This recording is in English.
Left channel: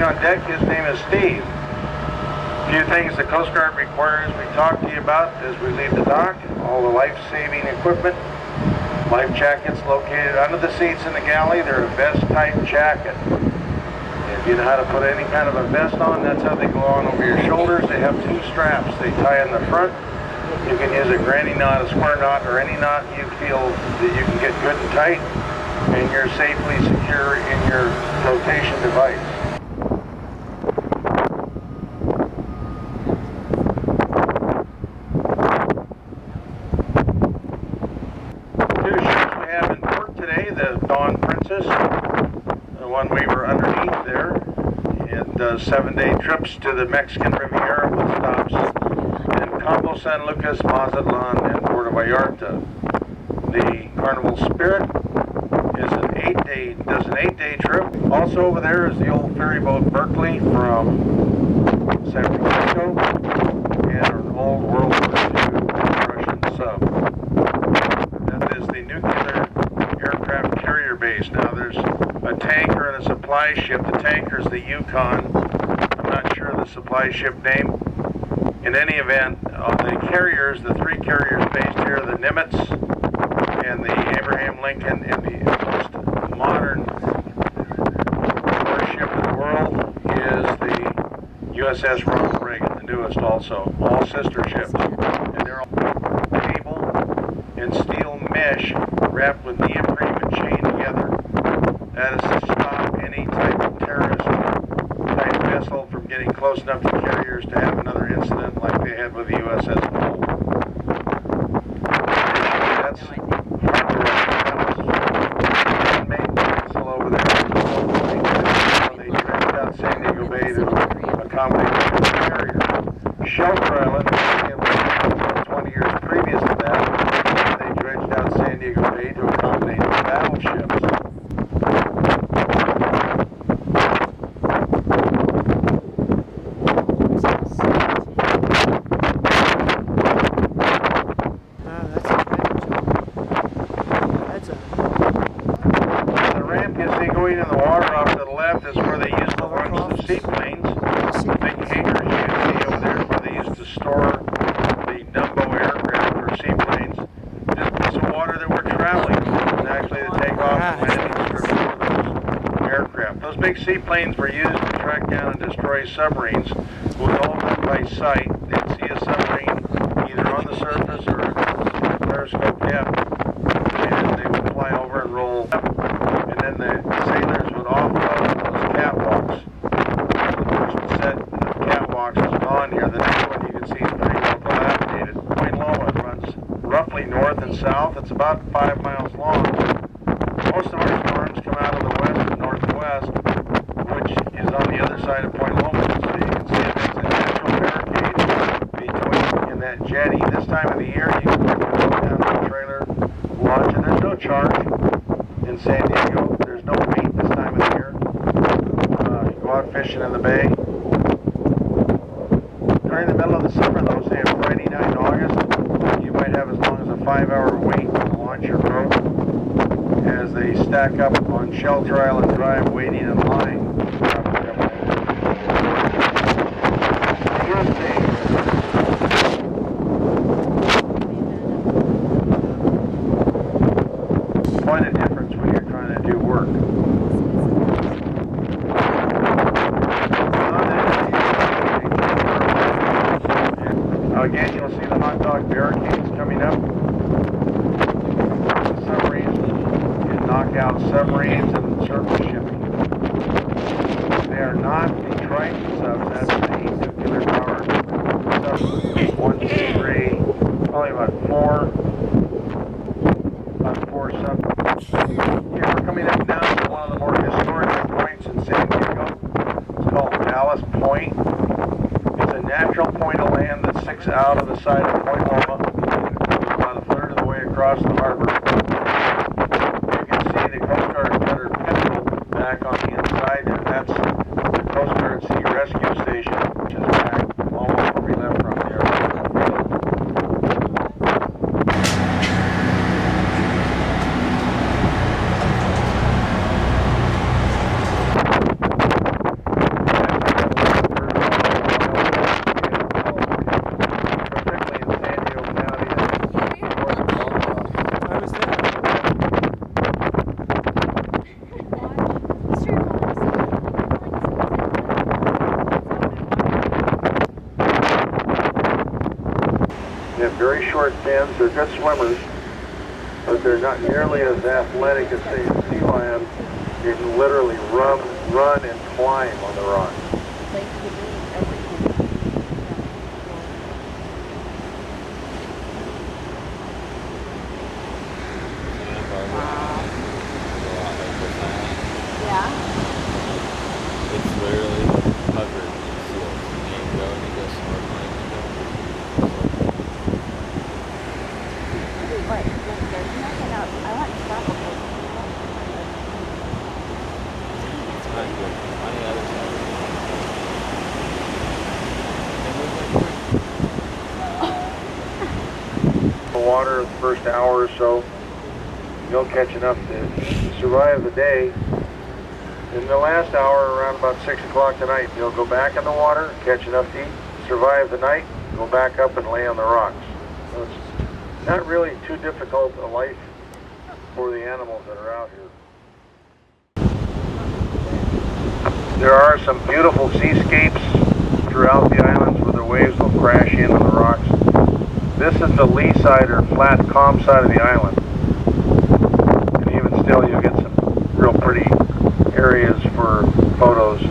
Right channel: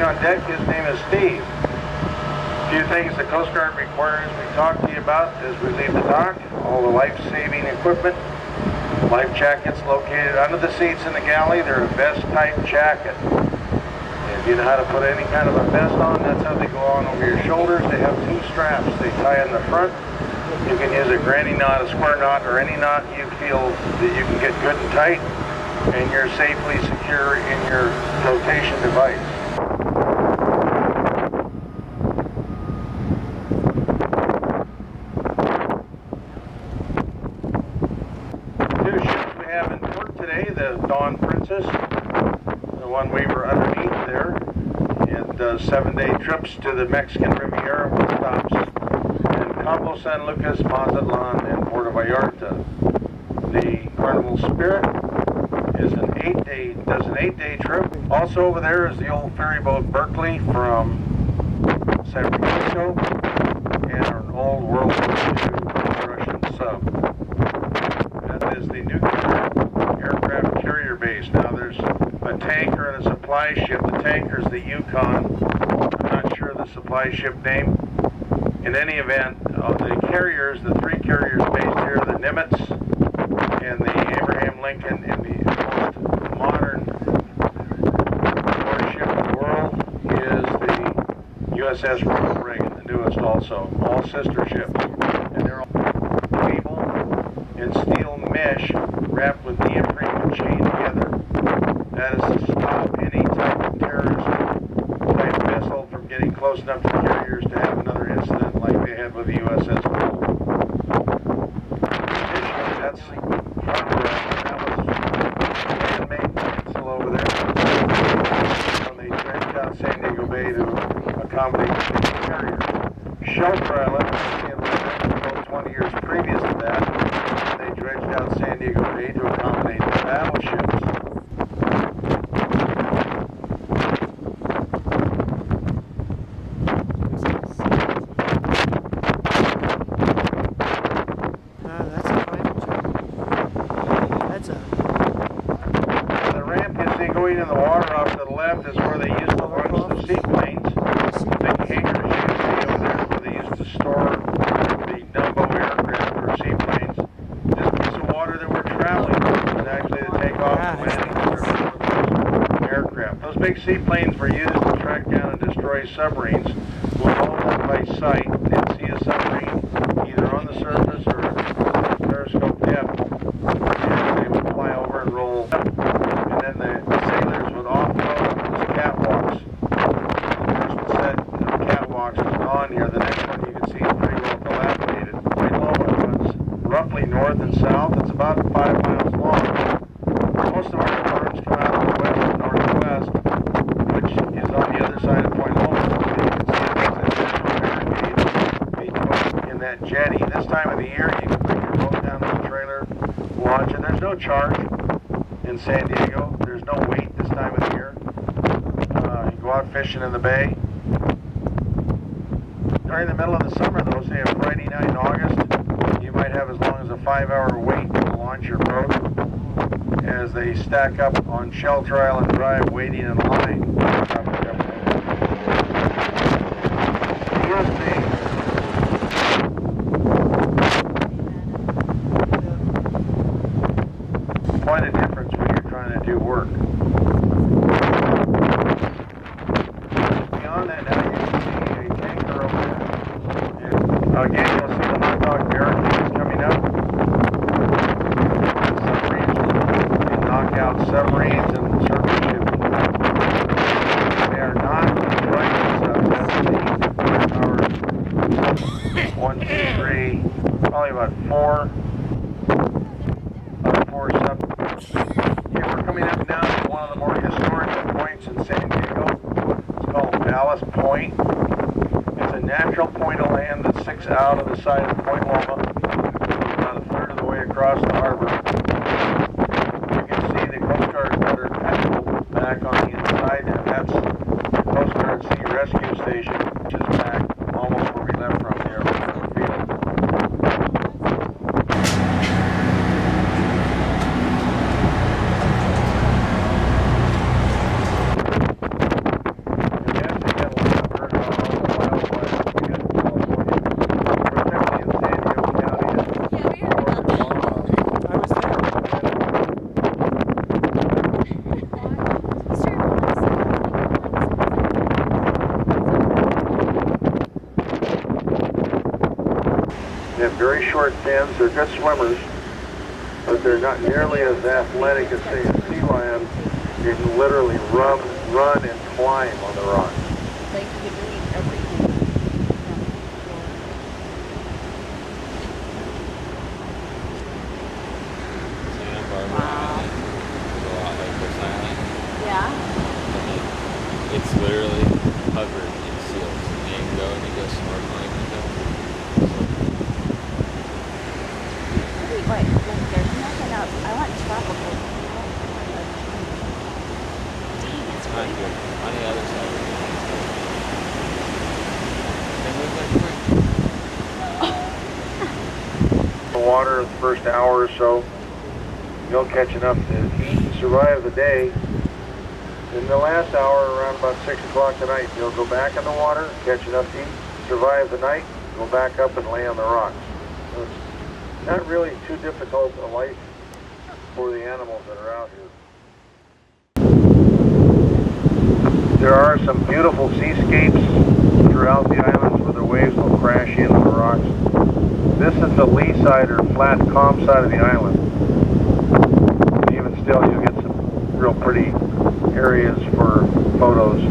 Waiting on deck, his name is Steve. A few things the Coast Guard requires we talk to you about as we leave the dock. All the life-saving equipment. Life jackets located under the seats in the galley. They're a vest-type jacket. If you know how to put any kind of a vest on, that's how they go on over your shoulders. They have two straps. They tie in the front. You can use a granny knot, a square knot, or any knot you feel that you can get good and tight, and you're safely secure in your flotation device. Two ships we have in port today, the Dawn Princess, the one we were underneath there, and 7-day trips to the Mexican Riviera with stops in Cabo San Lucas, Mazatlan, and Puerto Vallarta. The Carnival Spirit does an 8-day trip. Also over there is the old ferry boat Berkeley from San Francisco, and an old World War II Russian sub. That is the nuclear aircraft carrier base. Now there's a tanker and a supply ship. The tanker is the Yukon. I'm not sure the supply ship name. In any event, the carriers, the three carriers based here, the Nimitz and the Abraham Lincoln, and the most modern warship in the world is the USS Ronald Reagan, the newest also. All sister ships. And they're all cable and steel mesh wrapped with neoprene and chained together. That is to stop any type of terrorist type vessel from getting close enough to carriers to have another incident like they had with the USS Cole. That's Harbour. That was man-made peninsula over there. They dredged out San Diego Bay to accommodate the carrier. Shelter Island, it was 20 years previous to that, they dredged out San Diego Bay to accommodate the battleships. Going in the water off to the left is where they used to launch the seaplanes. Big hangars you can see over there where they used to store the Dumbo aircraft or seaplanes. This piece of water that we're traveling is actually the takeoff and landing strip for those aircraft. Those big seaplanes were used to track down and destroy submarines. Would hold up by sight. They'd see a submarine either on the surface or periscope depth, and they would fly over and roll up. And then the sailors would offload on those catwalks. The first set of catwalks is gone here. The next one you can see is pretty well dilapidated. Point Loma runs roughly north and south. It's about 5 miles long. Most of our storms come out of the west and northwest, which is on the other side of Point Loma. So you can see it makes a natural barricade between in that jetty. This time of the year, you can bring your boat down on a trailer, launch, and there's no charge. In San Diego, there's no wait this time of the year. You go out fishing in the bay. During the middle of the summer, though, say a Friday night in August, you might have as long as a 5-hour wait to launch your boat as they stack up on Shelter Island Drive waiting in line. Quite a difference when you're trying to do work. Again, you'll see the hot dog barricades coming up. The submarines can knock out submarines and surface shipping. They are not Triton subs. That's the nuclear powered subs. 1, 2, 3, probably about 4 subs. Okay, we're coming up now to one of the more historic points in San Diego. It's called Dallas Point. It's a natural point of land that sticks out of the side of Point Loma. It's about a third of the way across the harbor. You can see the Coast Guard cutter Petrel back on the inside, and that's the Coast Guard Sea Rescue Station, which is back almost where we left from there. very short fins. They're good swimmers, but they're not nearly as athletic as, say, a sea lion. You can literally run and climb on the rocks. They can eat everything. Wow. Yeah. It's literally covered in seals. You can go and you go snorkeling with them. Wait, there's nothing else. I want tropical. On the other side. They move like quick. The water the first hour or so, you'll catch enough to survive the day. In the last hour, around about 6 o'clock tonight, you'll go back in the water, catch enough to eat, survive the night, go back up and lay on the rocks. So it's not really too difficult a life for the animals that are out here. There are some beautiful seascapes throughout the islands where the waves will crash in on the rocks. This is the lee side or flat, calm side of the island. And even still, you'll get some real pretty areas for photos.